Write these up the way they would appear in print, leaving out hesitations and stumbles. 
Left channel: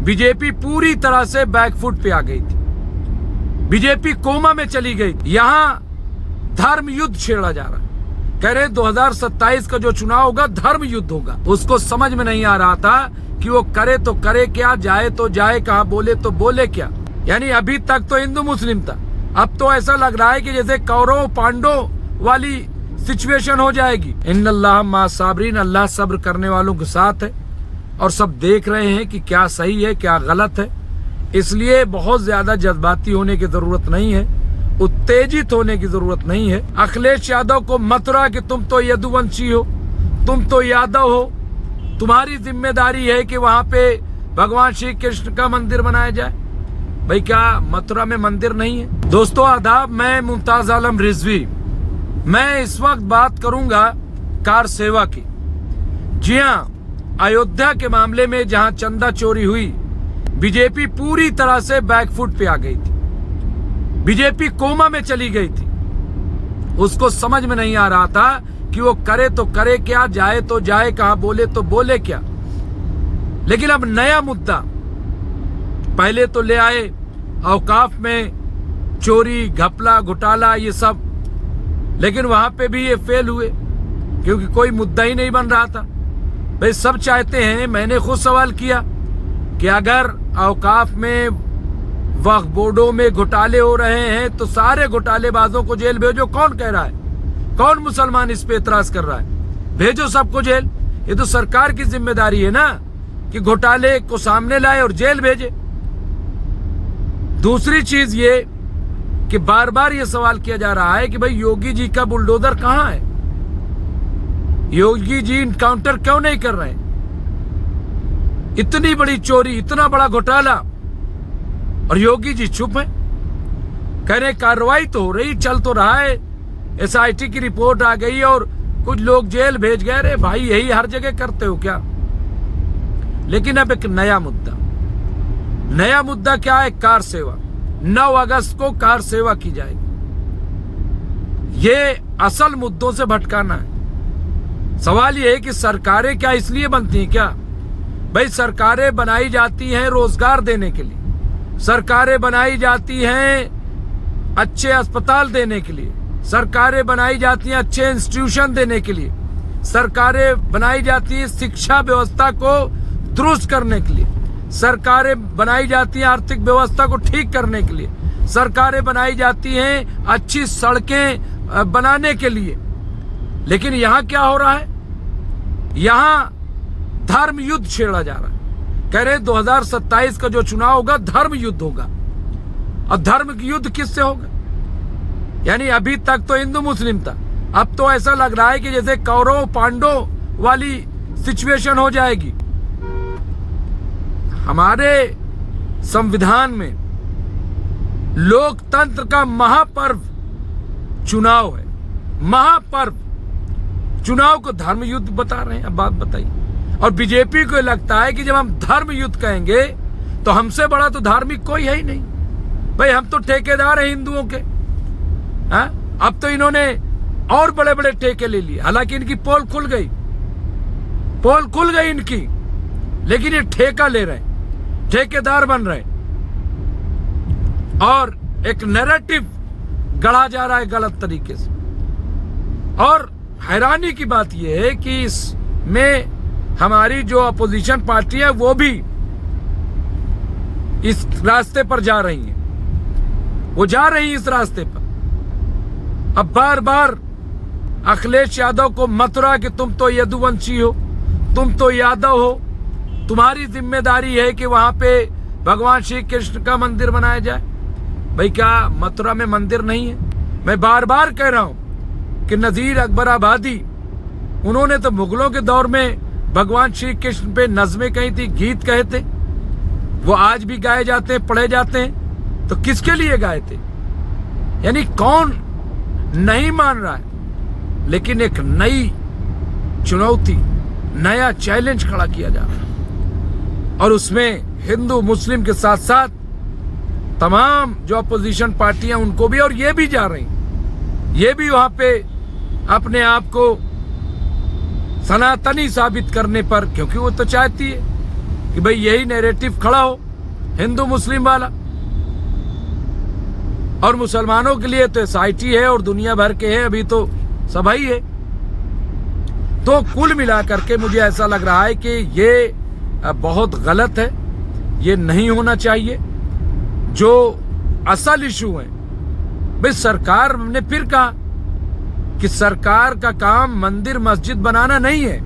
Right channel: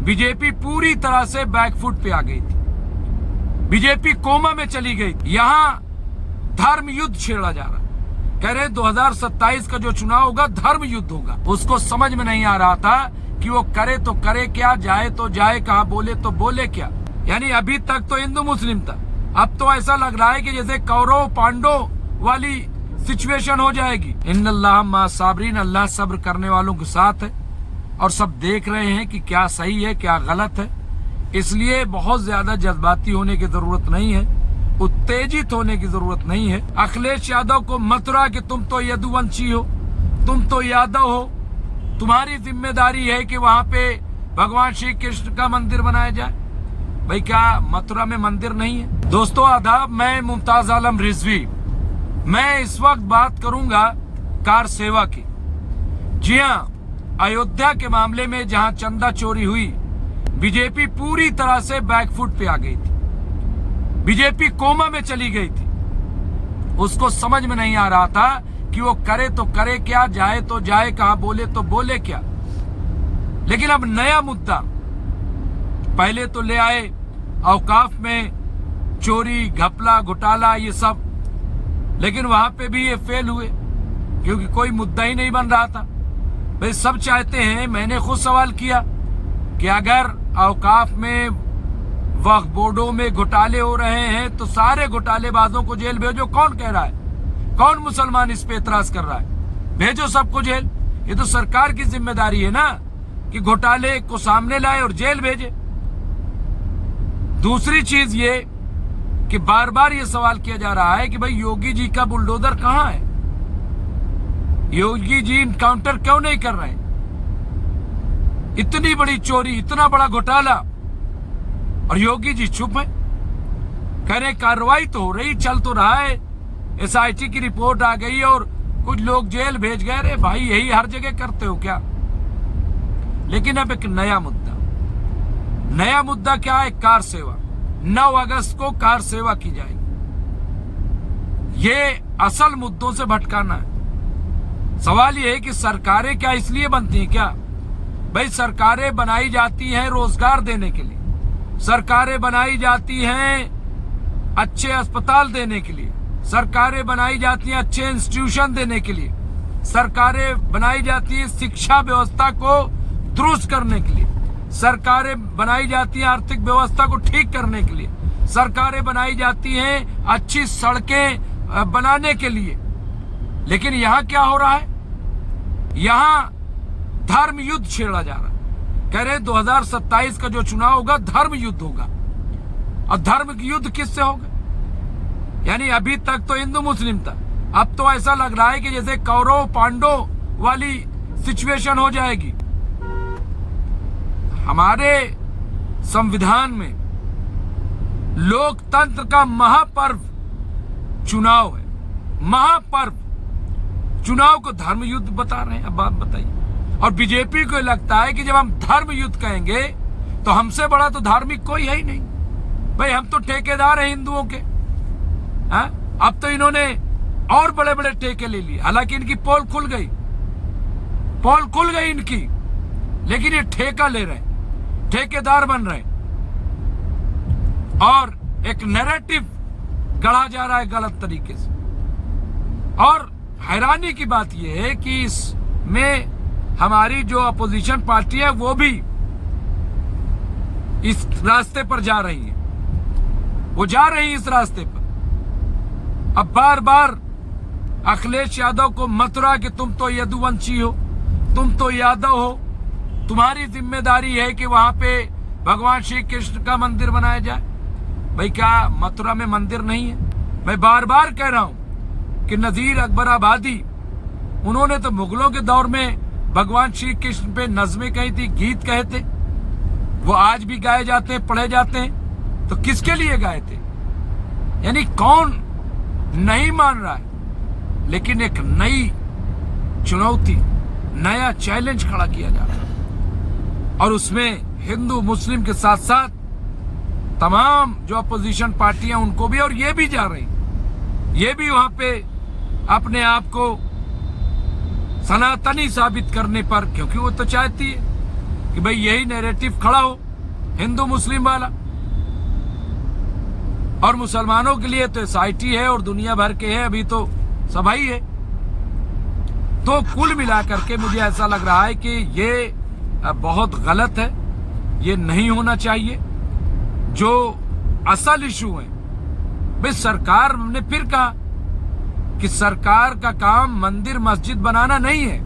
BJP पूरी तरह से बैकफुट पे आ गई थी। बीजेपी कोमा में चली गई। यहां धर्म युद्ध छेड़ा जा रहा है। कह रहे 2027 का जो चुनाव होगा धर्म युद्ध होगा। उसको समझ में नहीं आ रहा था कि वो करे तो करे क्या, जाए तो जाए कहां, बोले तो बोले क्या। यानी अभी तक तो हिंदू मुस्लिम था, अब तो ऐसा लग रहा है कि जैसे कौरव पांडव वाली सिचुएशन हो जाएगी। इन्नल्लाह मा साबरीन, अल्लाह सब्र करने वालों के साथ है और सब देख रहे हैं कि क्या सही है क्या गलत है। इसलिए बहुत ज्यादा जज्बाती होने की जरूरत नहीं है, उत्तेजित होने की जरूरत नहीं है। अखिलेश यादव को मथुरा कि तुम तो यदुवंशी हो, तुम तो यादव हो, तुम्हारी जिम्मेदारी है कि वहां पे भगवान श्री कृष्ण का मंदिर बनाया जाए। भाई क्या मथुरा में मंदिर नहीं है? दोस्तों आदाब, मैं मुमताज आलम रिजवी। मैं इस वक्त बात करूंगा कार सेवा की। जी हाँ, अयोध्या के मामले में जहां चंदा चोरी हुई, बीजेपी पूरी तरह से बैकफुट पे आ गई थी। बीजेपी कोमा में चली गई थी। उसको समझ में नहीं आ रहा था कि वो करे तो करे क्या, जाए तो जाए कहां, बोले तो बोले क्या। लेकिन अब नया मुद्दा, पहले तो ले आए औकाफ में चोरी घपला घोटाला ये सब, लेकिन वहां पे भी ये फेल हुए क्योंकि कोई मुद्दा ही नहीं बन रहा था। भाई सब चाहते हैं, मैंने खुद सवाल किया कि अगर औकाफ में वक्फ बोर्डों में घोटाले हो रहे हैं तो सारे घोटालेबाजों को जेल भेजो। कौन कह रहा है? कौन मुसलमान इस पे एतराज कर रहा है? भेजो सबको जेल। ये तो सरकार की जिम्मेदारी है ना कि घोटाले को सामने लाए और जेल भेजे। दूसरी चीज ये कि बार बार ये सवाल किया जा रहा है कि भाई योगी जी का बुलडोजर कहां है? योगी जी इनकाउंटर क्यों नहीं कर रहे हैं? इतनी बड़ी चोरी, इतना बड़ा घोटाला और योगी जी चुप है। कह रहे कार्रवाई तो हो रही, चल तो रहा है, एसआईटी की रिपोर्ट आ गई और कुछ लोग जेल भेज गए। रे भाई यही हर जगह करते हो क्या? लेकिन अब एक नया मुद्दा क्या है? कार सेवा। 9 अगस्त को कार सेवा की जाएगी। ये असल मुद्दों से भटकाना है। सवाल ये है कि सरकारें क्या इसलिए बनती हैं क्या? भाई सरकारें बनाई जाती हैं रोजगार देने के लिए, सरकारें बनाई जाती हैं अच्छे अस्पताल देने के लिए, सरकारें बनाई जाती हैं अच्छे इंस्टीट्यूशन देने के लिए, सरकारें बनाई जाती हैं शिक्षा व्यवस्था को दुरुस्त करने के लिए, सरकारें बनाई जाती हैं आर्थिक व्यवस्था को ठीक करने के लिए, सरकारें बनाई जाती हैं अच्छी सड़कें बनाने के लिए। लेकिन यहाँ क्या हो रहा है? यहाँ धर्म युद्ध छेड़ा जा रहा है। कह रहे 2027 का जो चुनाव होगा धर्म युद्ध होगा। और धर्म की युद्ध किससे होगा? यानी अभी तक तो हिंदू मुस्लिम था, अब तो ऐसा लग रहा है कि जैसे कौरव पांडव वाली सिचुएशन हो जाएगी। हमारे संविधान में लोकतंत्र का महापर्व चुनाव है। महापर्व चुनाव को धर्म युद्ध बता रहे हैं। अब बात बताइए। और बीजेपी को लगता है कि जब हम धर्म युद्ध कहेंगे तो हमसे बड़ा तो धार्मिक कोई है ही नहीं। भाई हम तो ठेकेदार हैं हिंदुओं के। अब तो इन्होंने और बड़े बड़े ठेके ले लिए। हालांकि इनकी पोल खुल गई इनकी, लेकिन ये ठेका ले रहे हैं, ठेकेदार बन रहे हैं और एक नैरेटिव गढ़ा जा रहा है गलत तरीके से। और हैरानी की बात यह है कि इसमें हमारी जो अपोजिशन पार्टी है वो भी इस रास्ते पर जा रही है। वो जा रही है इस रास्ते पर। अब बार बार अखिलेश यादव को मथुरा कि तुम तो यदुवंशी हो, तुम तो यादव हो, तुम्हारी जिम्मेदारी है कि वहां पे भगवान श्री कृष्ण का मंदिर बनाया जाए। भाई क्या मथुरा में मंदिर नहीं है? मैं बार बार कह रहा हूं कि नजीर अकबर आबादी, उन्होंने तो मुगलों के दौर में भगवान श्री कृष्ण पे नज़में कही थी, गीत कहे थे, वो आज भी गाए जाते हैं, पढ़े जाते हैं। तो किसके लिए गाए थे? यानी कौन नहीं मान रहा है? लेकिन एक नई चुनौती, नया चैलेंज खड़ा किया जा रहा है और उसमें हिंदू मुस्लिम के साथ साथ तमाम जो अपोजिशन पार्टियां उनको भी, और ये भी जा रही, ये भी वहां पे अपने आप को सनातनी साबित करने पर, क्योंकि वो तो चाहती है कि भाई यही नैरेटिव खड़ा हो हिंदू मुस्लिम वाला, और मुसलमानों के लिए तो SIT है और दुनिया भर के है, अभी तो सभाई है। तो कुल मिलाकर के मुझे ऐसा लग रहा है कि ये बहुत गलत है, ये नहीं होना चाहिए। जो असल इशू है, भाई सरकार ने फिर कहा कि सरकार का काम मंदिर मस्जिद बनाना नहीं है,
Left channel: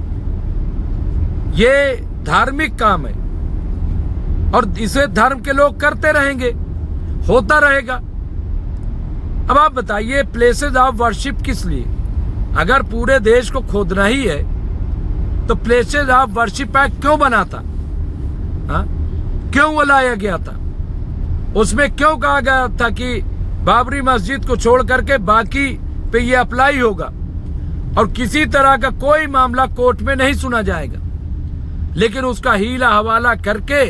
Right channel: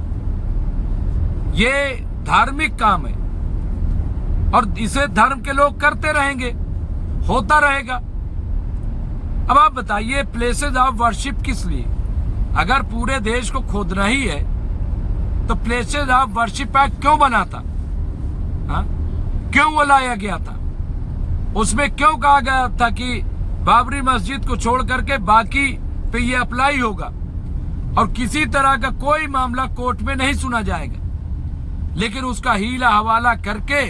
ये धार्मिक काम है और इसे धर्म के लोग करते रहेंगे, होता रहेगा। अब आप बताइए, प्लेसेस ऑफ वर्शिप किस लिए? अगर पूरे देश को खोदना ही है तो प्लेसेस ऑफ वर्शिप एक्ट क्यों बना था? क्यों वो लाया गया था? उसमें क्यों कहा गया था कि बाबरी मस्जिद को छोड़ करके बाकी पे ये अप्लाई होगा और किसी तरह का कोई मामला कोर्ट में नहीं सुना जाएगा? लेकिन उसका हीला हवाला करके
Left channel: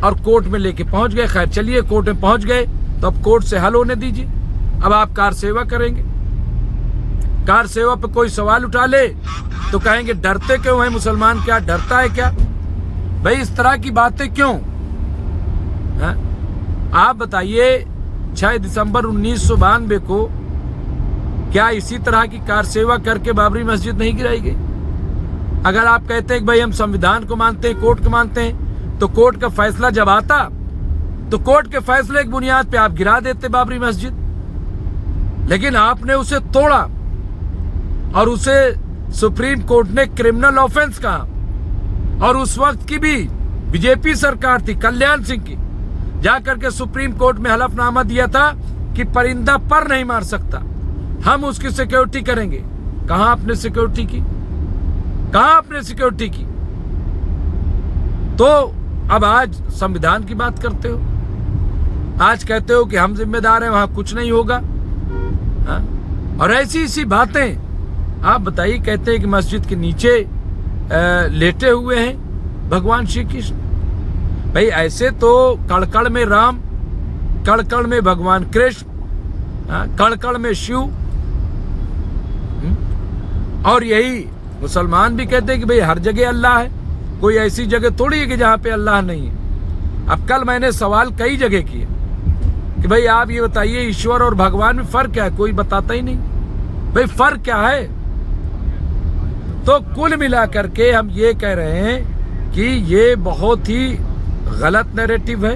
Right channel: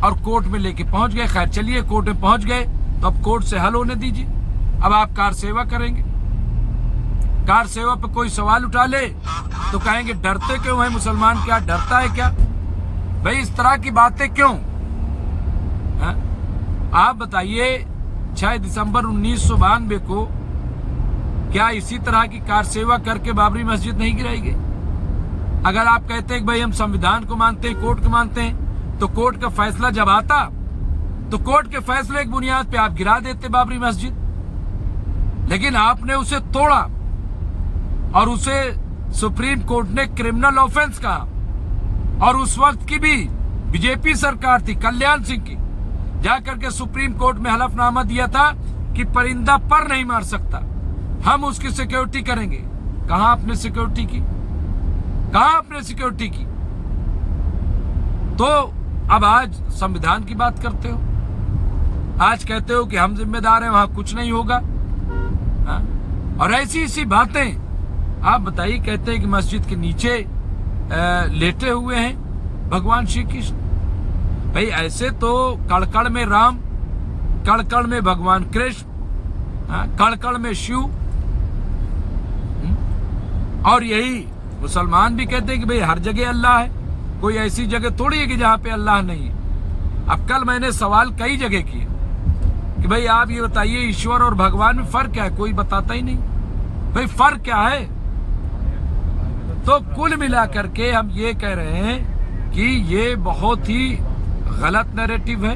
और कोर्ट में लेके पहुंच गए। खैर चलिए, कोर्ट में पहुंच गए तो अब कोर्ट से हल होने दीजिए। अब आप कार सेवा करेंगे, कार सेवा पे कोई सवाल उठा ले तो कहेंगे डरते क्यों है मुसलमान, क्या डरता है क्या? भाई इस तरह की बातें क्यों? आप बताइए, 6 दिसंबर 1992 को क्या इसी तरह की कार सेवा करके बाबरी मस्जिद नहीं गिराई गई? अगर आप कहते हैं कि भाई हम संविधान को मानते हैं, कोर्ट को मानते हैं, तो कोर्ट का फैसला जब आता तो कोर्ट के फैसले की बुनियाद पे आप गिरा देते बाबरी मस्जिद। लेकिन आपने उसे तोड़ा और उसे सुप्रीम कोर्ट ने क्रिमिनल ऑफेंस कहा। और उस वक्त की भी बीजेपी सरकार थी, कल्याण सिंह की, जाकर के सुप्रीम कोर्ट में हलफनामा दिया था कि परिंदा पर नहीं मार सकता, हम उसकी सिक्योरिटी करेंगे। कहां आपने सिक्योरिटी की? कहां आपने सिक्योरिटी की? तो अब आज संविधान की बात करते हो, आज कहते हो कि हम जिम्मेदार हैं, वहां कुछ नहीं होगा। और ऐसी ऐसी बातें आप बताइए। कहते हैं कि मस्जिद के नीचे लेटे हुए हैं भगवान श्री कृष्ण। भाई ऐसे तो कड़कड़ में राम, कड़कड़ में भगवान कृष्ण, कड़कड़ में शिव, और यही मुसलमान भी कहते हैं कि भाई हर जगह अल्लाह है, कोई ऐसी जगह थोड़ी है कि जहां पे अल्लाह नहीं है। अब कल मैंने सवाल कई जगह किए कि भाई आप ये बताइए ईश्वर और भगवान में फर्क क्या है? कोई बताता ही नहीं। भाई फर्क क्या है? तो कुल मिलाकर के हम ये कह रहे हैं कि ये बहुत ही गलत नैरेटिव है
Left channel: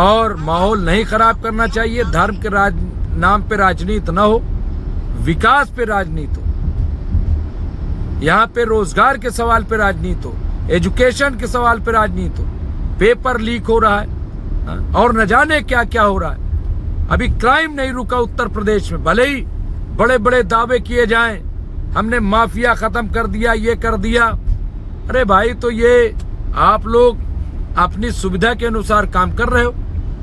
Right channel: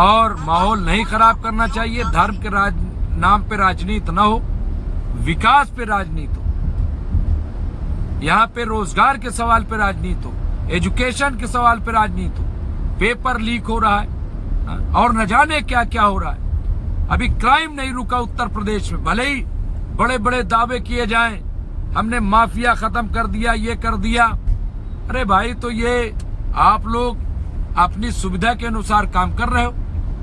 और माहौल नहीं खराब करना चाहिए। धर्म के नाम पे राजनीति ना हो, विकास पे राजनीति हो, यहाँ पे रोजगार के सवाल पे राजनीति हो, एजुकेशन के सवाल पे राजनीति हो। पेपर लीक हो रहा है और न जाने क्या क्या हो रहा है। अभी क्राइम नहीं रुका उत्तर प्रदेश में, भले ही बड़े बड़े दावे किए जाएं, हमने माफिया खत्म कर दिया, ये कर दिया। अरे भाई, तो ये आप लोग अपनी सुविधा के अनुसार काम कर रहे हो,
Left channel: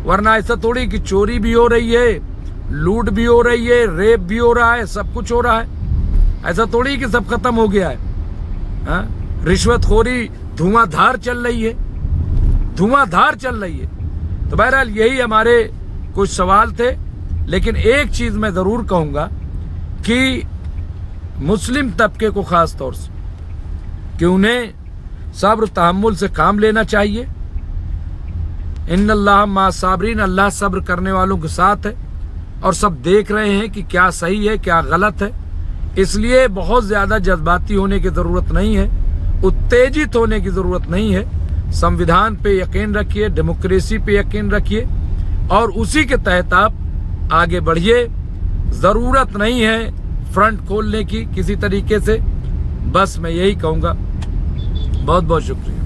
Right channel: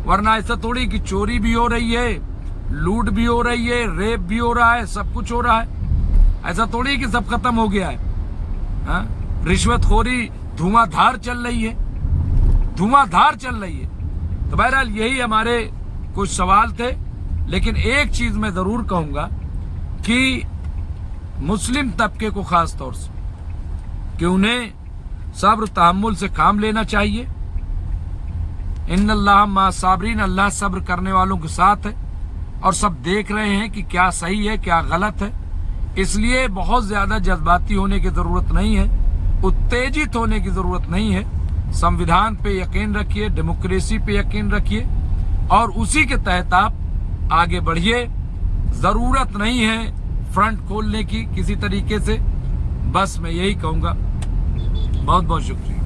वरना ऐसा थोड़ी कि चोरी भी हो रही है, लूट भी हो रही है, रेप भी हो रहा है, सब कुछ हो रहा है। ऐसा थोड़ी कि सब खत्म हो गया है। रिश्वतखोरी धुआंधार चल रही है, धुआंधार चल रही है। तो बहरहाल यही हमारे कुछ सवाल थे। लेकिन एक चीज मैं जरूर कहूंगा कि मुस्लिम तबके को खास तौर से कि उन्हें सब्र तहम्मुल से काम लेना चाहिए। इन्नल्लाह मा साबरीन, अल्लाह सब्र करने वालों के साथ है और सब देख रहे हैं कि क्या सही है क्या गलत है। इसलिए बहुत ज्यादा जज्बाती होने की जरूरत नहीं है, उत्तेजित होने की जरूरत नहीं है। संविधान पे यकीन रखिए, डेमोक्रेसी पे यकीन रखिए और उसी के तहत आप आगे बढ़िए। जरूरत नहीं है फ्रंट खोलने की किसी तरीके से। बस मैं यही कहूंगा। बहुत बहुत शुक्रिया।